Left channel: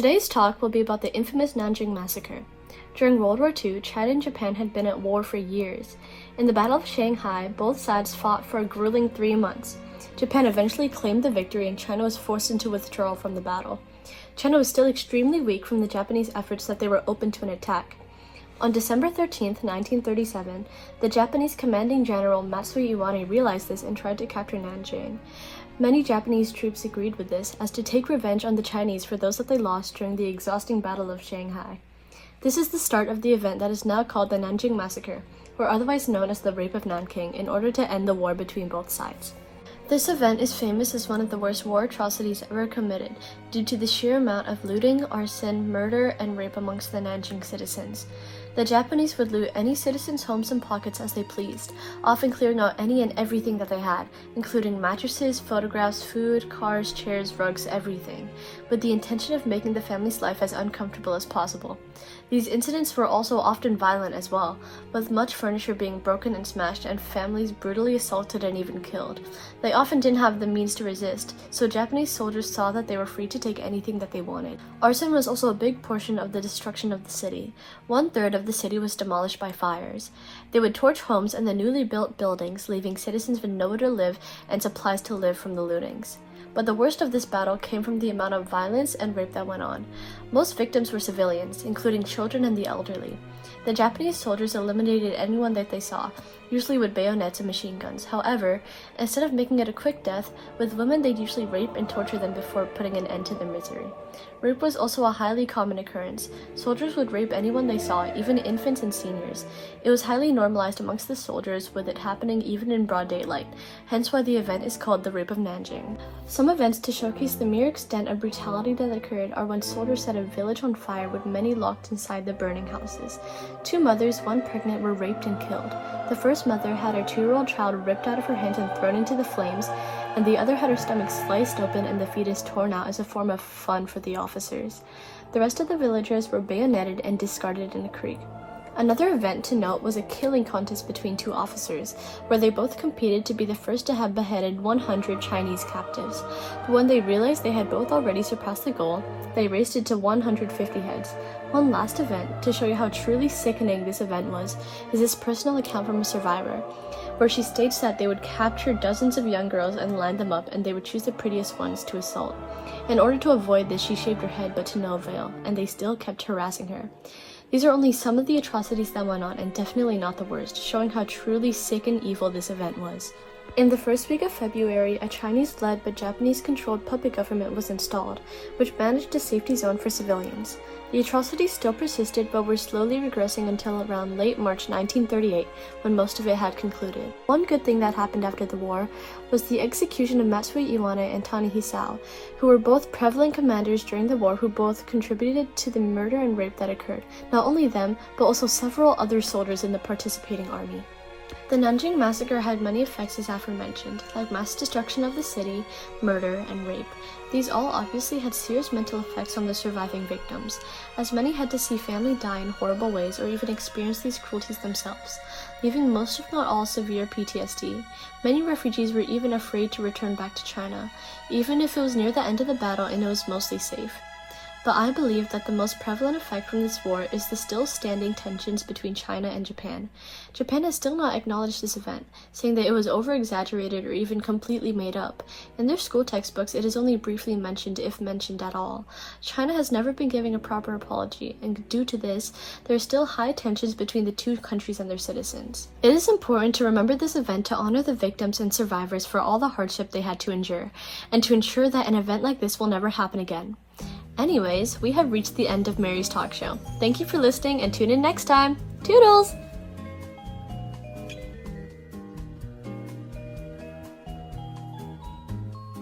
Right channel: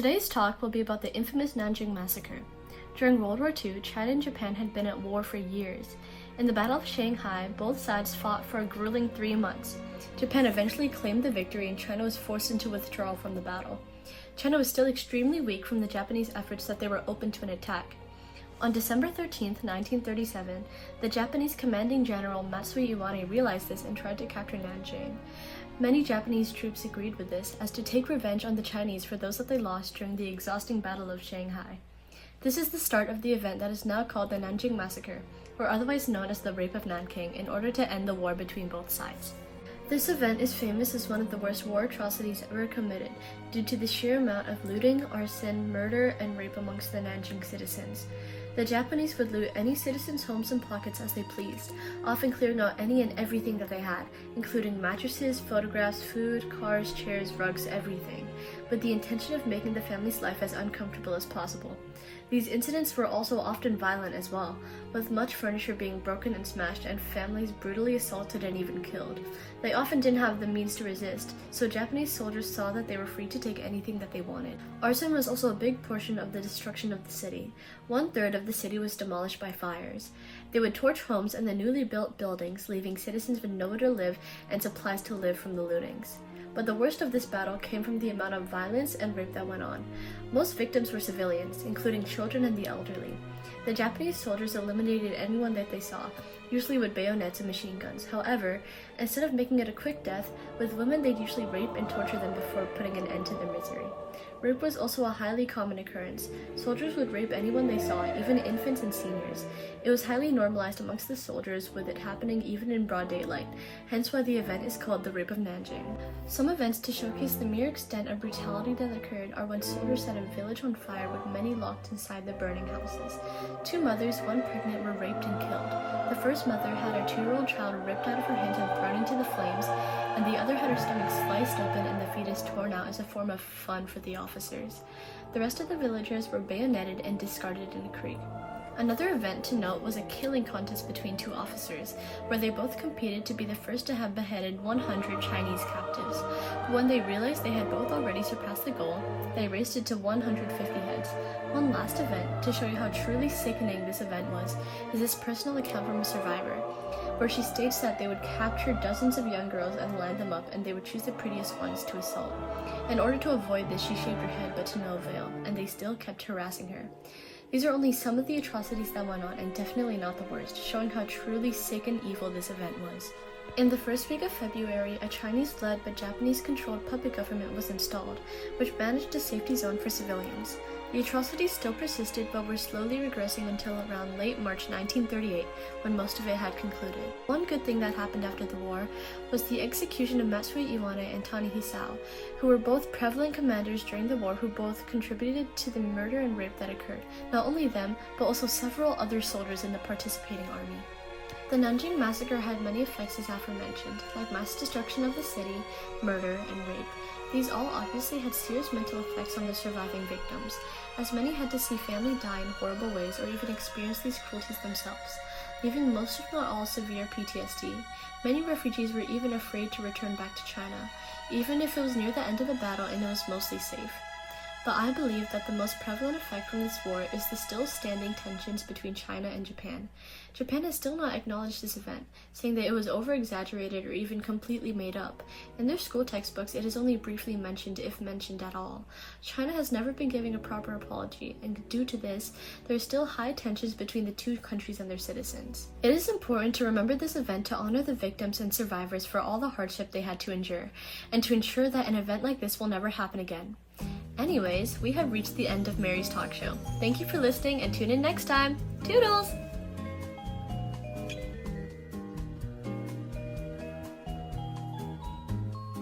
Today's talk will be about the infamous Nanjing Massacre. During World War II, China and Japan had been at war for years. In the Battle of Shanghai, both sides fought for a grueling 3 months. Japan eventually claimed the victory and China was forced into withdrawal from the battle. China was still extremely weak from the Japanese efforts that they were open to an attack. On December 13, 1937, the Japanese commanding general Mystic-bunnii realized this and tried to capture Nanjing. Many Japanese troops agreed with this as to take revenge on the Chinese for those that they lost during the exhausting Battle of Shanghai. This is the start of the event that is now called the Nanjing Massacre, or otherwise known as the Rape of Nanking, in order to end the war between both sides. This event is famous as one of the worst war atrocities ever committed due to the sheer amount of looting, arson, murder, and rape amongst the Nanjing citizens. The Japanese would loot any citizens' homes and pockets as they pleased, often clearing out any and everything that they had, including mattresses, photographs, food, cars, chairs, rugs, everything, with the intention of making the family's life as uncomfortable as possible. These incidents were also often violent as well, with much furniture being broken and smashed and families brutally assaulted and even killed. They often didn't have the means to resist, so Japanese soldiers saw that they were free to take anything that they wanted. Arson was also a big portion of the destruction of the city. 1/3 of the city was demolished by fires. They would torch homes and the newly built buildings, leaving citizens with nowhere to live and supplies to live from the lootings. But the worst of this battle came from the amount of violence and rape that went on. Most victims were civilians, including children and the elderly. The Japanese soldiers eliminated anyone that they saw, usually with bayonets and machine guns. However, instead of making it a quick death, with women they'd usually rape and torture them before putting an end to their misery. Rape was also a highly common occurrence. Soldiers would rape anyone they saw, even infants and seniors. It was highly normalized amongst the soldiers, with it happening even in broad daylight, hence why the event is called the Rape of Nanjing. Some events to showcase the mere extent of brutality that occurred are when soldiers set a village on fire with many locked inside the burning houses. 2 mothers, one pregnant, were raped and killed. The first mother had her 2-year-old child ripped out of her hands and thrown into the flames, and the other had her stomach sliced open and the fetus torn out as a form of fun for the officers. The rest of the villagers were bayoneted and discarded in a creek. Another event to note was a killing contest between 2 officers, where they both competed to be the first to have beheaded 100 Chinese captives. But when they realized they had both already surpassed the goal, they raised it to 150 heads. One last event, to show you how truly sickening this event was, is this personal account from a survivor, where she states that they would capture dozens of young girls and line them up, and they would choose the prettiest ones to assault. In order to avoid this, she shaved her head, but to no avail, and they still kept harassing her. These are only some of the atrocities that went on, and definitely not the worst, showing how truly sick and evil this event was. In the first week of February, a Chinese-led but Japanese-controlled puppet government was installed, which managed a safety zone for civilians. The atrocities still persisted, but were slowly regressing until around late March 1938, when most of it had concluded. One good thing that happened after the war was the execution of Mystic-bunnii and Hisao, who were both prevalent commanders during the war who both contributed to the murder and rape that occurred. Not only them, but also several other soldiers in the participating army. The Nanjing Massacre had many effects as aforementioned, like mass destruction of the city, murder, and rape. These all obviously had serious mental effects on the surviving victims, as many had to see family die in horrible ways or even experience these cruelties themselves, leaving most if not all severe PTSD. Many refugees were even afraid to return back to China, even if it was near the end of the battle and it was mostly safe. But I believe that the most prevalent effect from this war is the still standing tensions between China and Japan. Japan has still not acknowledged this event, saying that it was over-exaggerated or even completely made up. In their school textbooks, it is only briefly mentioned, if mentioned at all. China has never been giving a proper apology, and due to this, there are still high tensions between the 2 countries and their citizens. It is important to remember this event to honor the victims and survivors for all the hardship they had to endure, and to ensure that an event like this will never happen again. Anyways, we have reached the end of Mary's talk show. Thank you for listening and tune in next time. Toodles!